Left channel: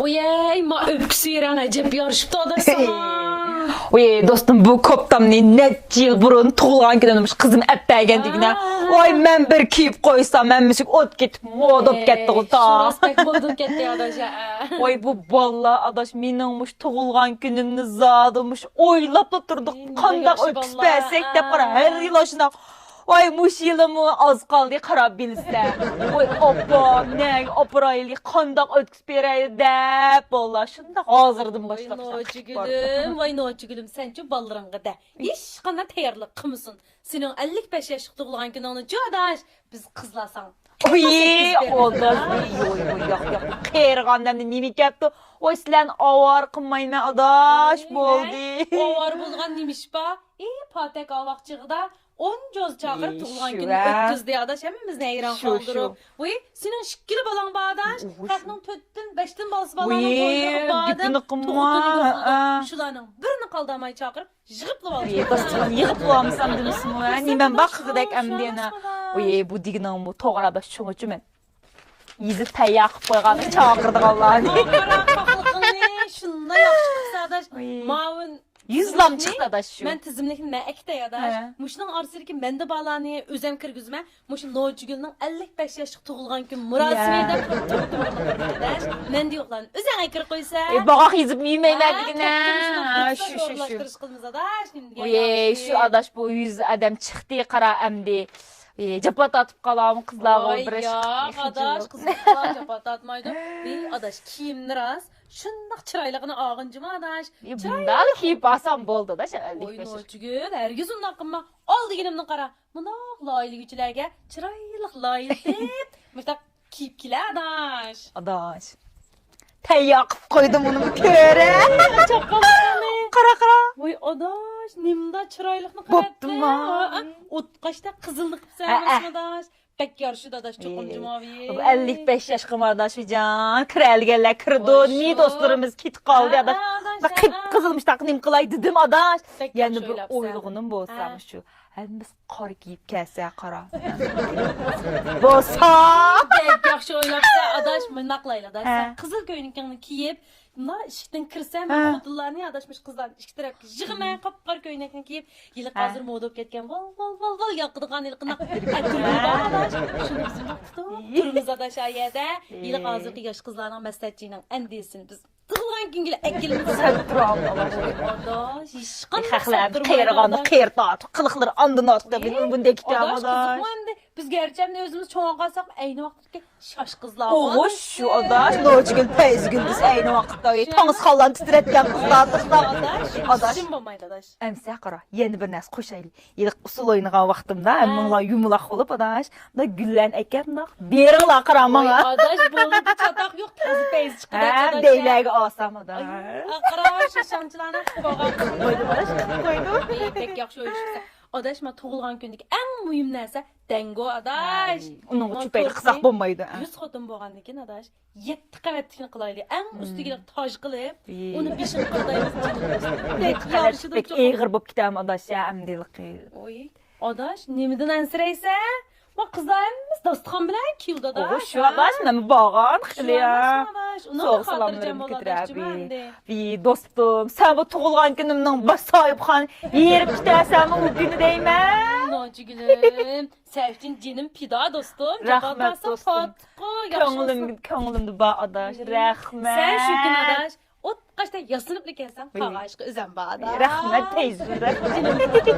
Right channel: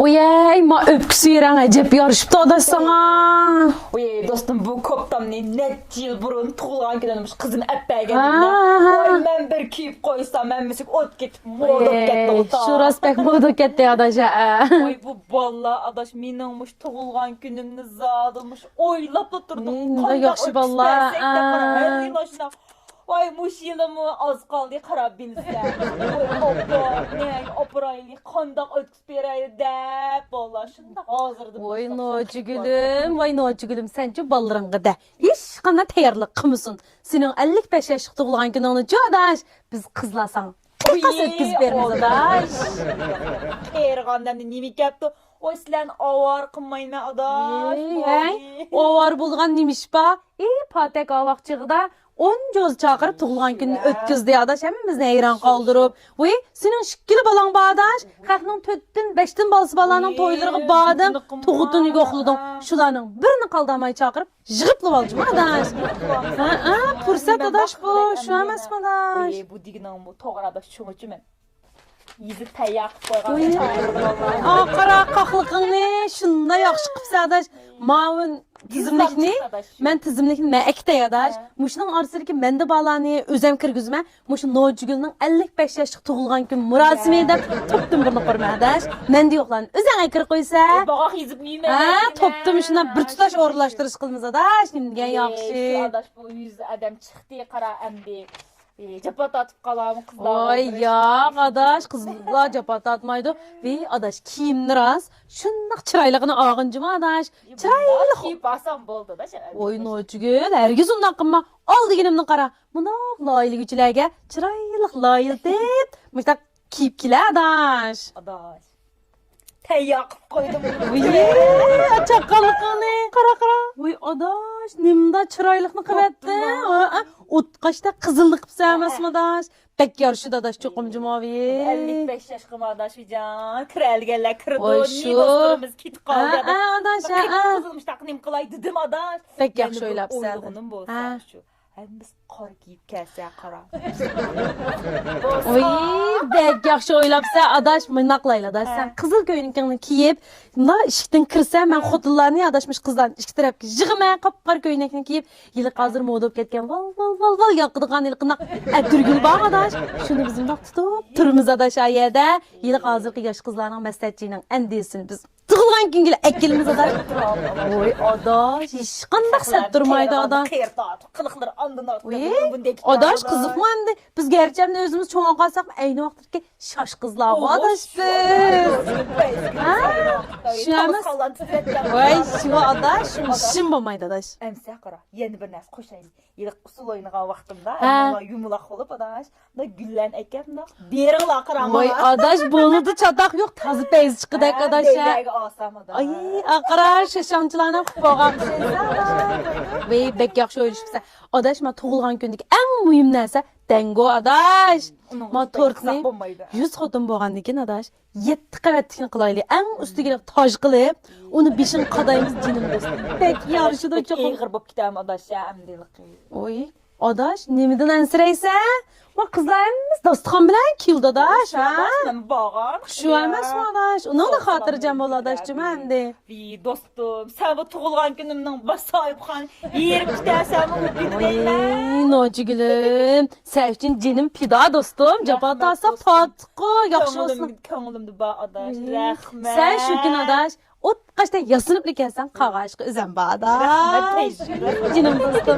Oyey, ma öpküsü veren acep yarışıptı adaş sana. Oy dostum bu koptamni net yıl burun tuğulan gidemiş kızım əppəygendigine. Oy men bir kiyip koysam men müsük ot git mod ot getdi uta. Şurası pek modu ketdi adaş. Oy bu balla adaş miningmuş tuğulgan günümni zadılmış oylap da turduk. Kandaq öpüspesek de para her yıl aşına. Oy muş yılımı az kaldı qarab bilse. Oy abba ne apraylı kandaq ötküspereydi dep bolla. Şunda hazırdım Vay başlap. noçu gülüm, sence ballırıngı da. Hiç qanda tayarlıq qımısın. Senin 55 yaşıq tuğulan gününü adaş, biz kızlasan. Oy odaş. Qeyrğandan nimi ketdi. Oy sizlen avar qınmayma adaş boldi. Ovar bulğan demiş ba. Patek alaqçıqda 10 göz çağırıp tuğulan günü ötküzdü adaş. Hemimiz neyran kaldırıp. Oy, senin şıkkili balan bağdaş. Qatının 4'tün 5'tin balısı balanın toylarını bağdım. Tuğutunu yoxludum. Şulanın birini kaldamay çağırıp jığıplı balcı. Yığıp bulamsan. Ben baxıdək əmdiyene. Oy, Oy bu dignan bu toğrada şuğucu men. Yizi təyaq qoyğan çağırdı vallahi. Qara qaqlıqını şunda yaxşı qıpsa adaş. Mavun Yüzlap çıxdı adaş şu. Men tizimlikni men ekte adaş. Muşunun arasındaki mende bağlany özem kirgizme. Muşun Nurcugül'nün 55 yaşlık tuğulgan gün murasimiyede toptum bir qırma adaş. Men de yoxlan özəngə kir qoysa. Bağaq yizib yemələr. Toptum şuna bir tutaş orlaştırış qılmız adaş. Şimdi yaxşı. Şu adaş bu 100 adam çıxdı qara əmdi. Capat atıp kalam kızlar. Ay ya adaş kızlar capat atmaydı. Ve adaş kiyimli raz. Şundaq çıraylığını ağıncıma adaş. Bunda kiyip asam boldu da. Oy Nurcugül, herkes ondan qımma. Al degenimni qara. Mundaq laylı güçlərə çıraylıq layıl deyip. Müştaq kiyip kile adaş. Adaş. Təyaq koydum onu bir yere. Çakalıqını. Qara. Oy adaş, nimda çıraylığını qarattı. Utqaşda qızıllık pısarmasın adaş. Pek yarışı da adaş çokumcu mavi. 55 yaş kımardaş can. Krelgeller kırdı. Ni dostlarımız kit kaldı adaş. Adaş. Kit kızılmış taknim kılay dedim adaş. Pek Yani yaxşı bu oylapsa. oyluğunun bu olsa şu. Hem biz qar giyip kelse qara. Bek yaxşı oylapsa adaş mınaqlayla adaş. Sen qızıl göynükünü kiyip, bunda işikten kirsə, mən xodullarını adaşmış qızdan iki tərəfki jığıma qapqar göynəkini kiyip, yılı qazır moda olub ketken val yaqıdığan yılqınaq ətürgül bağ adaş. Şunu bizim vaxt tutup, turumuz adaş ayədə, yılı qazırqı yaş qızlarının məsləhətçiylə əndiyesini biz tığılğan gün gələ əkilimiz adaş. Oy adaş, işqan məqsəd durmaydı adaş. Qeyrdat, qılıqları andın atdı. Adaş qızıqlandı. Biz gerçekten özümüz çoğun qalsaq, eyni vaxtdaki şaş qızlar var. Oğuz şu adaş, doğru pez günümüz eyni vaxtda. Tamız xallan titrətgən qızlar. İşim olmaydı adaş. Əmsə qara, yeni bir nəs qoşaylı. Yılıq usul oynağan vaxtımda, əmməla yumulaq olub adaş. Da güllən əkən da, beriğla qaramaya. Ay adaş, boludu çataq yox, tazı pez çıxıdak adaş. Deyləgi asam adaş. Ay, aqara şaşançılarına xubağa. Ve bek yaxşı ölüşübsə. Adaş, ma tuğulğan gündük ən mühim nəsə dengo adaş. Onun üçün qısaq bombaydı. 100 xotum boğan dikin adaş. 7 qəvətlikini qılaylı. Ən üstügələ taj qılıb, onu 5'in qadayımız cinimiz. Bek yarışıdır Pek çox. eğir bop kitəm adaş ya, əmdilik. Oy, adaş, nemidin ənsirəysə? Ma qızlarımız dastıqan bilən kildə adaş. Şu adaş, nəmi bağan? Şu adaş mı adaş? Onun da xatırcam ol adaşcım əndi. Dostum, sən bu tuğulğan günümdən baş sahib xan, yerim kitəsən bu günü deymə. Nocu gülüm, sevcin cinim pida dostum. Capat alsa patqo, yaxşı olsun. Köngülümdü ba adaş, rəhmət. Sen şu gün adaş, o kaçta yasınıp gelsen kavaşkı üzem bağda. Rəhmət teyzim. Cinim dostum.